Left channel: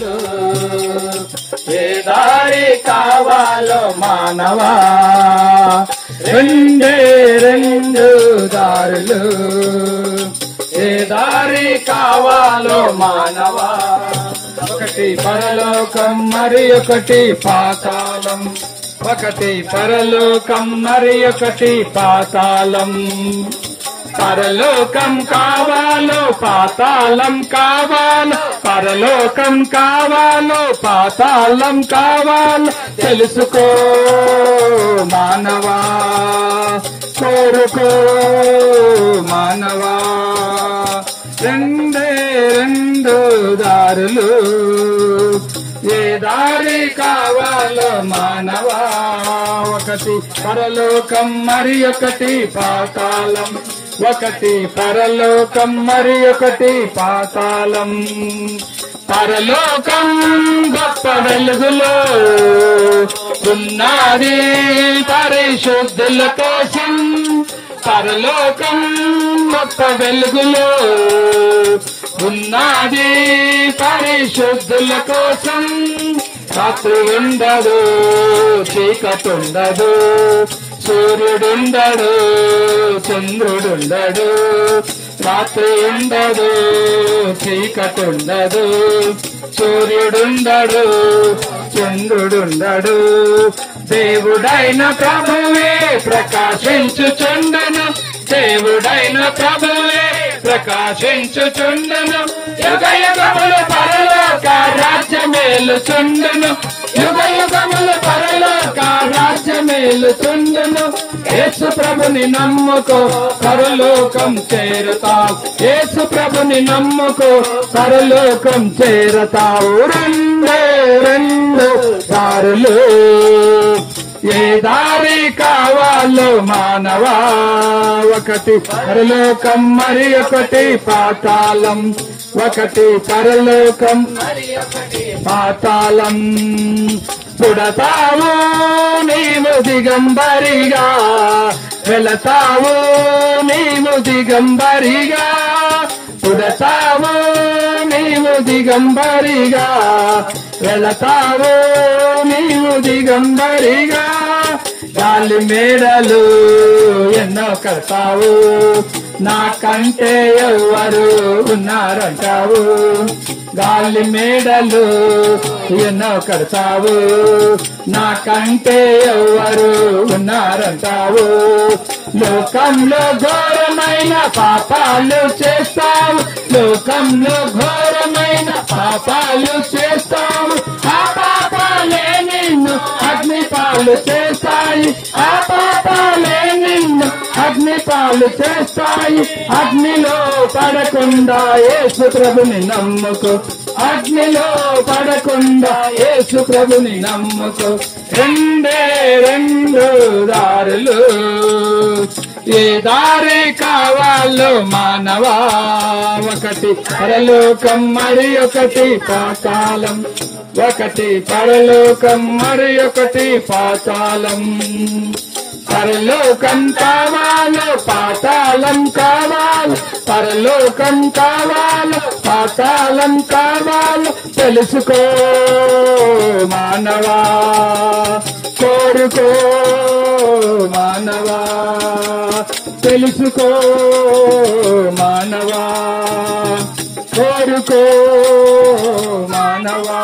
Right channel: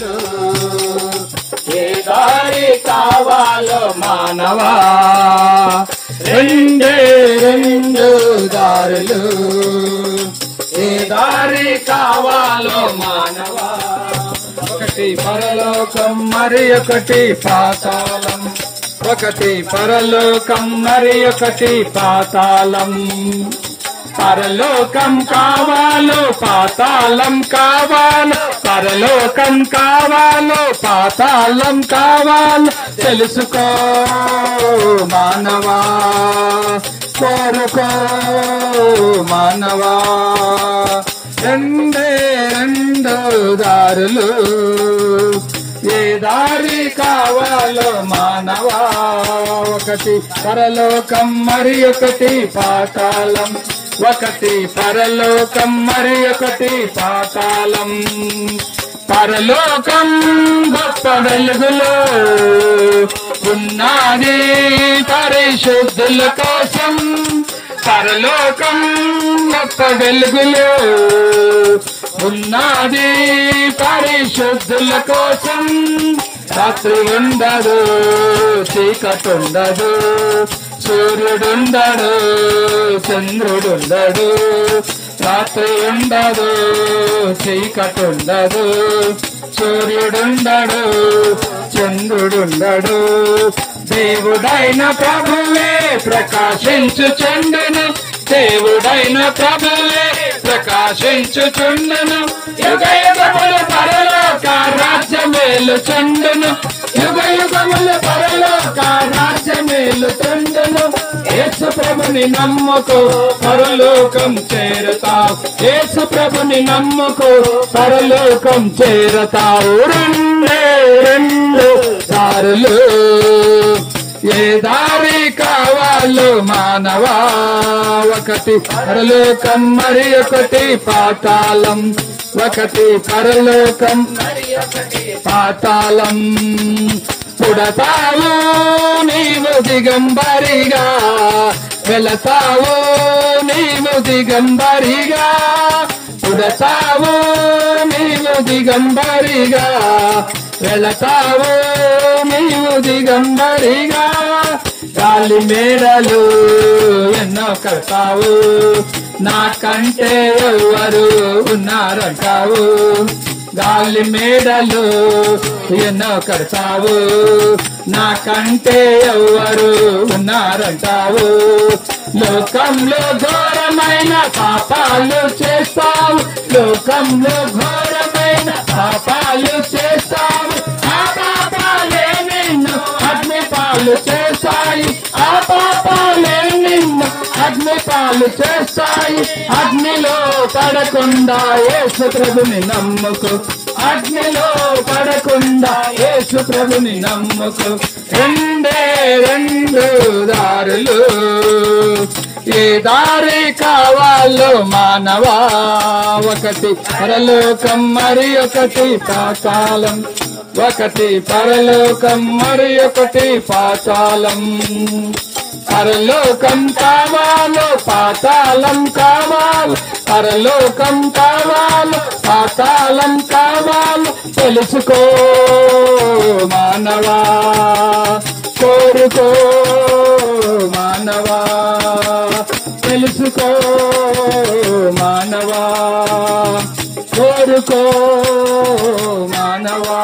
దారులు ఏ దారి కావాలో మానవా రెండే రెండు దారులు ఏ దారి కావాలో మానవా ఒకటి పరలోకం మరి ఒకటి పాతాళం ఒకటి పరలోకం మరి ఒకటి పాతాళం పరలోకం కావాలో పాతాళం కావాలో పరలోకం కావాలో పాతాళం కావాలో తెలుసుకో మానవా కోరుకో మానవా రెండే రెండు దారులు ఏ దారి కావాలో మానవా ఒకటి పరలోకం మరి ఒకటి పాతాళం ఒకటి పరలోకం మరి ఒకటి పాతాళం పరలోకం గొప్ప వెలుగులో ఉన్నది పరిశుద్ధుల కోసం పరలోకం గొప్ప వెలుగులో ఉన్నది పరిశుద్ధుల కోసం రాత్రి ఉండదు చీకటుండదు సూర్యుడుండడు చంద్రుడుండడు రాత్రి ఉండదు చీకటుండదు సూర్యుడుండడు చంద్రుడుండడు దేవుడైన ప్రభువే ప్రకాశించుచుండును దేవుడైన ప్రభువే ప్రకాశించుచుండును యుగ యుగములు పరలోక రాజ్యమేలుచుండును యుగ యుగములు పరలోక రాజ్యమేలుచుండును యేసు ప్రభుని నమ్ముకో పరలోకం చేరతావు యేసు ప్రభుని నమ్ముకో పరలోకం చేరతావు రెండే రెండు దారులు ఏ దారి కావాలో మానవా ఒకటి పరలోకం మరి ఒకటి పాతాళం ఒకటి పరలోకం మరి ఒకటి పాతాళం పుడతావు నీవు దిగంబరిగా వెళతావు నీవు దిగంబరిగా పుడతావు నీవు దిగంబరిగా వెళతావు నీవు దిగంబరిగా గాలి మేడలు ఎన్నో కడతావు నాకంటే ఎవరు ఉన్నారంటావు గాలి మేడలు ఎన్నో కడతావు నాకంటే ఎవరు ఉన్నారంటావు లోకంలో ఘోరమైన పాపాలు చేస్తావు లోకంలో ఘోరమైన పాపాలు చేస్తావు ఆ పాపాలే నిన్ను అగ్నిపాలు చేస్తాయి ఆ పాపాలే నిన్ను అగ్నిపాలు చేస్తాయి అగ్నిలో పడకుండా యేసు ప్రభుని నమ్ముకో అగ్నిలో పడకుండా యేసు ప్రభుని నమ్ముకో రెండే రెండు దారులు ఏ దారి కావాలో మానవా ఒకటి పరలోకం మరి ఒకటి పాతాళం ఒకటి పరలోకం మరి ఒకటి పాతాళం పరలోకం కావాలో పాతాళం కావాలో పరలోకం కావాలో పాతాళం కావాలో తెలుసుకో మానవా కోరుకో మానవా తెలుసుకో మానవా కోరుకో మానవా